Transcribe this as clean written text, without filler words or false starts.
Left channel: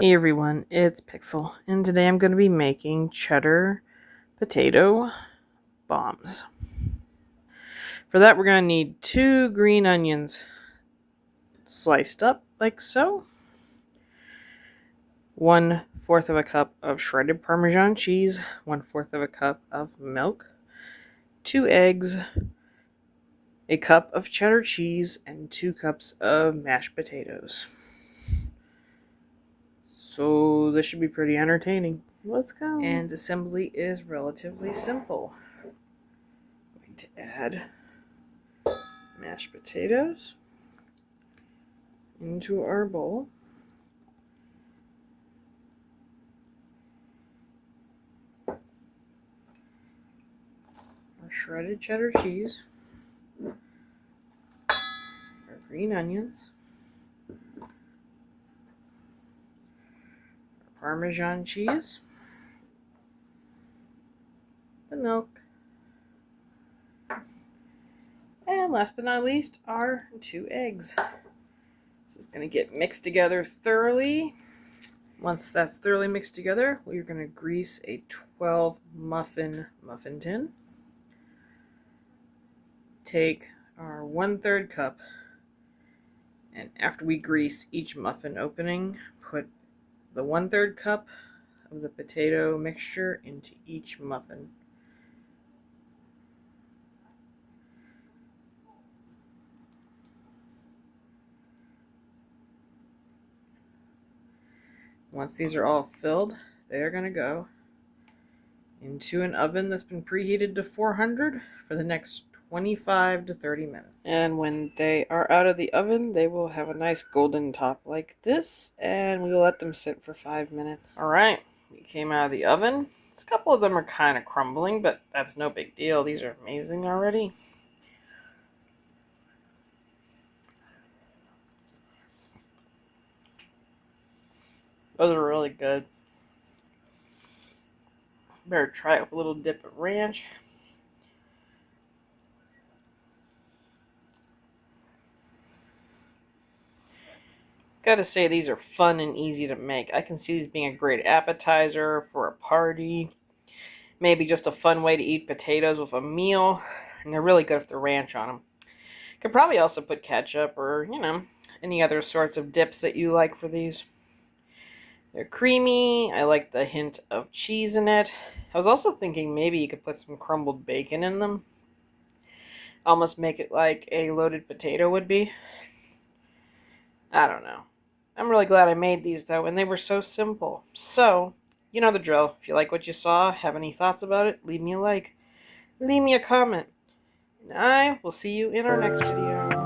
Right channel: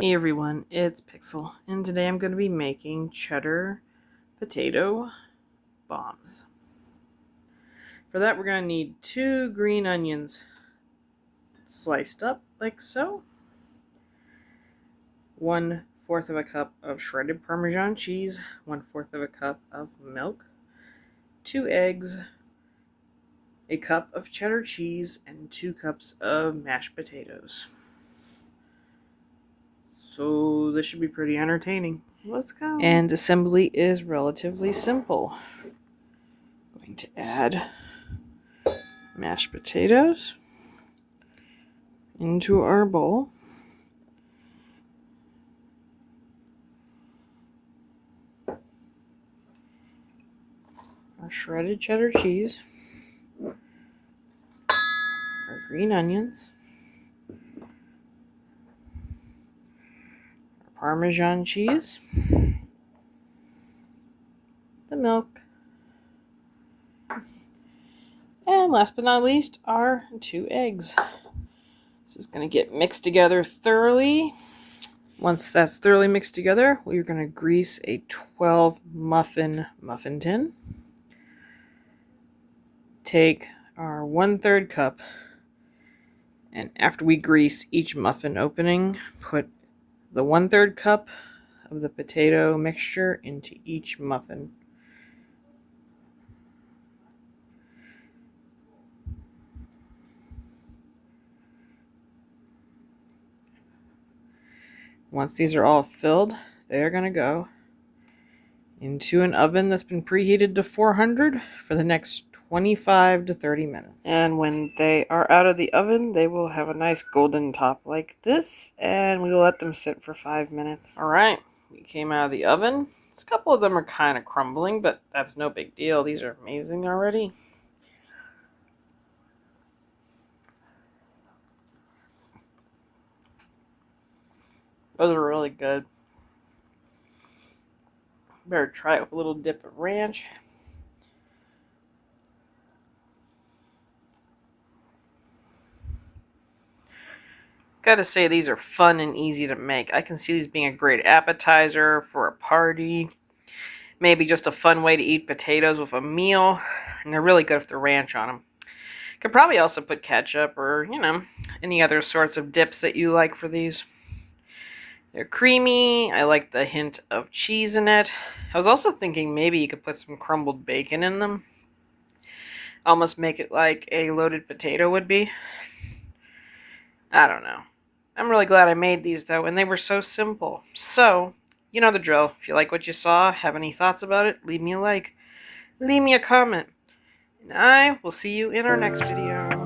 Hey everyone, it's Pixel, and today I'm going to be making cheddar potato bombs. For that, we're going to need 2 green onions sliced up like so, 1/4 of a cup of shredded Parmesan cheese, 1/4 of a cup of milk, 2 eggs, a cup of cheddar cheese, and 2 cups of mashed potatoes. So this should be pretty entertaining. Let's go. And assembly is relatively simple. I'm going to add mashed potatoes into our bowl. Our shredded cheddar cheese. Our green onions. Our Parmesan cheese. The milk. And last but not least, our 2 eggs. This is going to get mixed together thoroughly. Once that's thoroughly mixed together, we're going to grease a 12 muffin tin. Take our 1/3 cup, and after we grease each muffin opening, put the 1/3 cup of the potato mixture into each muffin. Once these are all filled, they're going to go into an oven that's been preheated to 400 for the next 25 to 30 minutes. And when they are out of the oven, they will have a nice golden top like this, and we will let them sit for 5 minutes. Alright, we came out of the oven. A couple of them are kind of crumbling, but that's no big deal. These are amazing already. Those are really good. Better try it with a little dip of ranch. Gotta say, these are fun and easy to make. I can see these being a great appetizer for a party. Maybe just a fun way to eat potatoes with a meal. And they're really good with the ranch on them. Could probably also put ketchup or, any other sorts of dips that you like for these. They're creamy. I like the hint of cheese in it. I was also thinking maybe you could put some crumbled bacon in them. Almost make it like a loaded potato would be. I don't know. I'm really glad I made these though, and they were so simple. So, you know the drill. If you like what you saw, have any thoughts about it, leave me a like. Leave me a comment. And I will see you in our next video.